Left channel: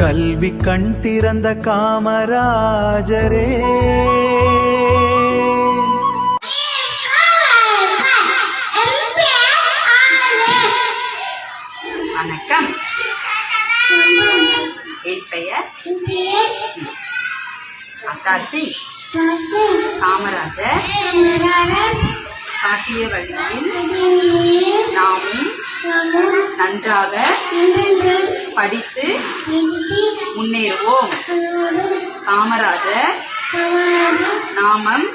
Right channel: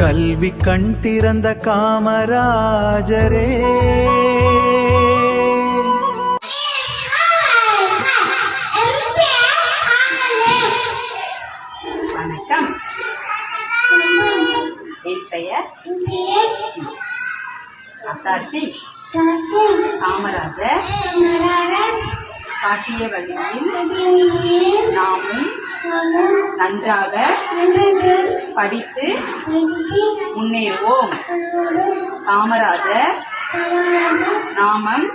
கல்வி கண் திறந்த காமராஜரே, வணக்கம். என் பெயர் ஆசாத் சிங். காமராஜர் காட்டிய வழியில் நாமும் நன்றாக படித்து முன்னேறுவோம். காமராஜர் நாமம்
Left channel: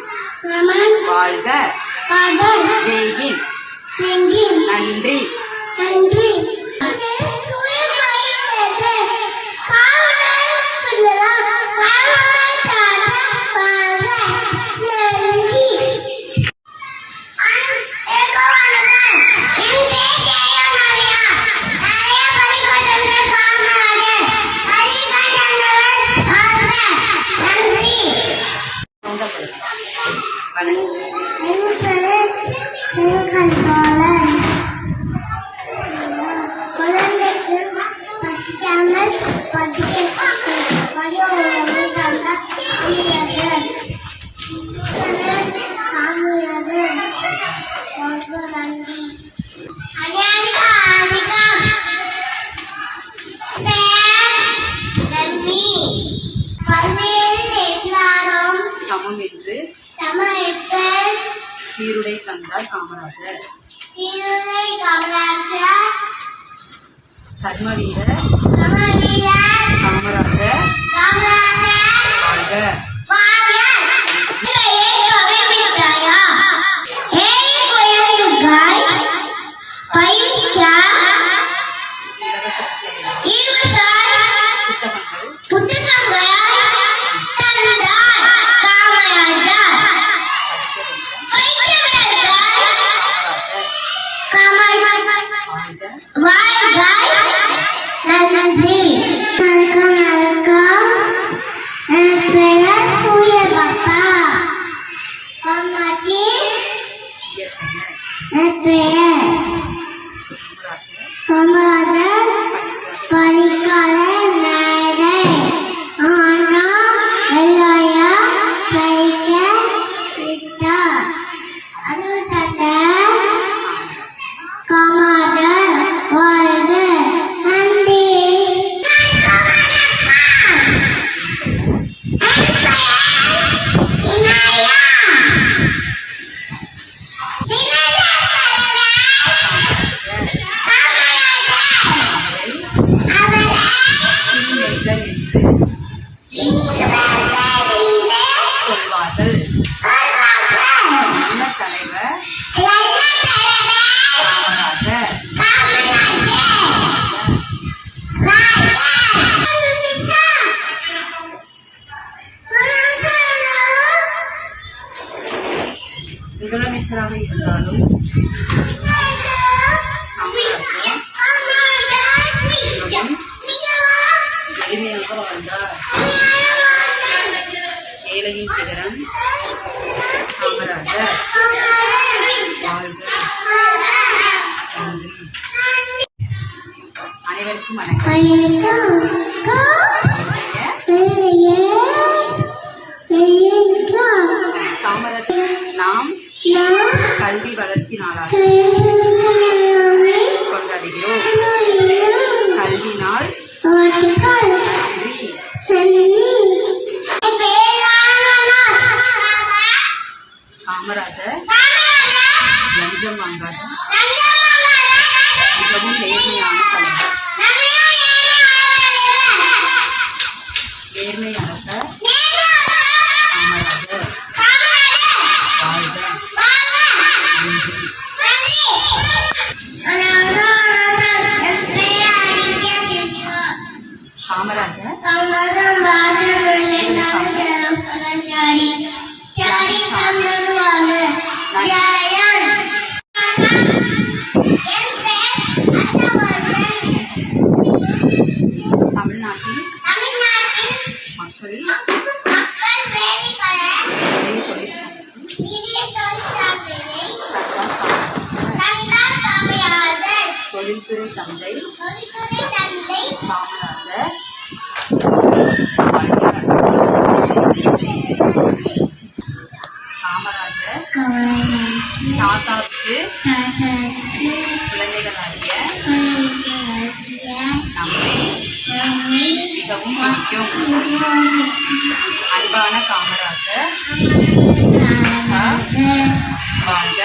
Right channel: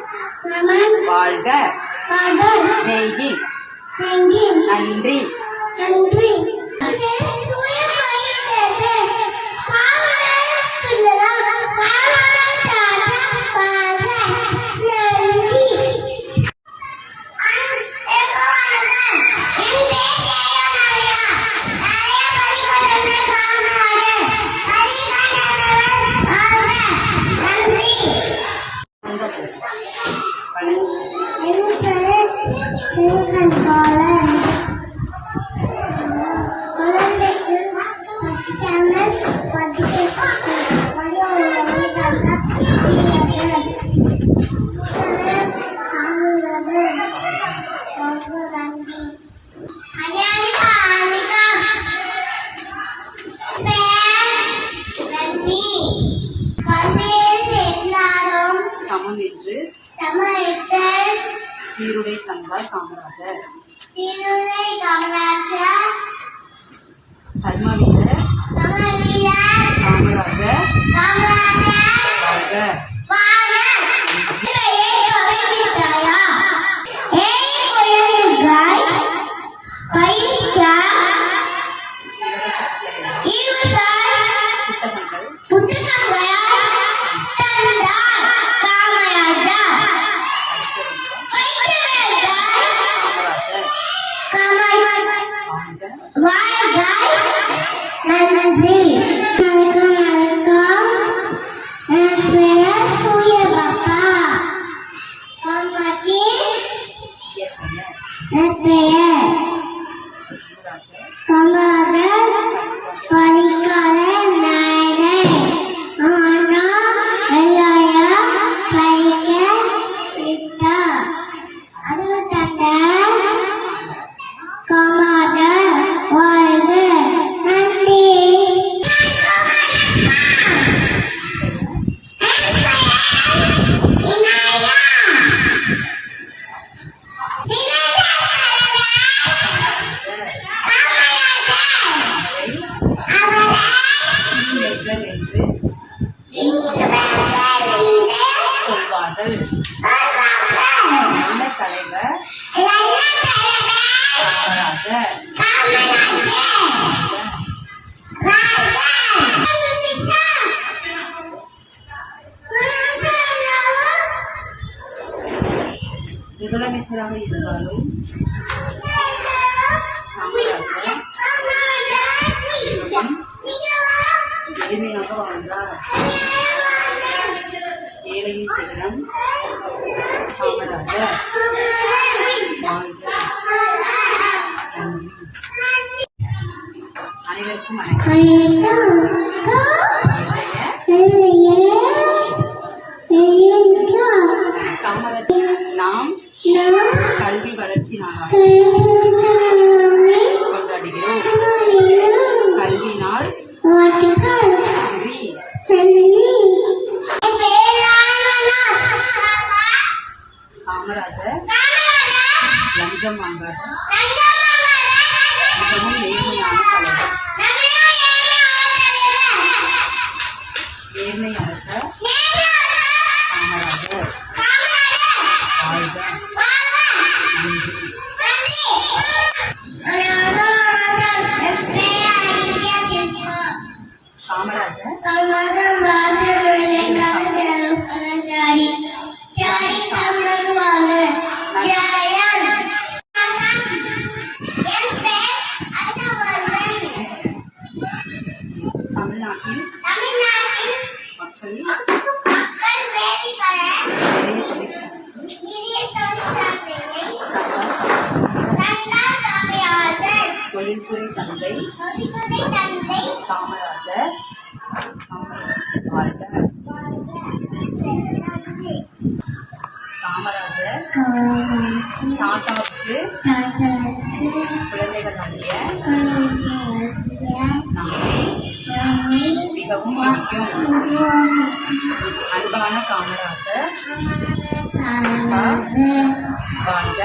வாழ்க. ஜெய்ஹிந்த். நன்றி. சமம் என்று சீருடை தந்தார் காமராஜர். கர்ம வீரர் காமராஜர் சொல்வார்கள். நல்ல தலைவர் காமராஜர். முதலமைச்சராக இருந்தாலும் எளிமையாக வாழ்ந்தார். ஏழையின் சிகரம் காமராஜர். வாழ்க. அனைவருக்கும் காமராஜர் நாம் கல்வி வளர்ச்சி நாளாக கொண்டாடுகிறோம். கல்வி நாள். காமராஜர் லஞ்சம் வாங்காத மிகவும் நேர்மையான தலைவர். நேர்மை அரசர் காமராஜர். வாழ்க. காமராஜர் தமிழ்நாட்டில் மக்கள் தொழில்துறை தந்தை காமராஜர். தாத்தாவுக்கு குழந்தைகளாகிய நம்மை மிகவும் பிடிக்கும். அன்பான காமராஜர் வாழ்க.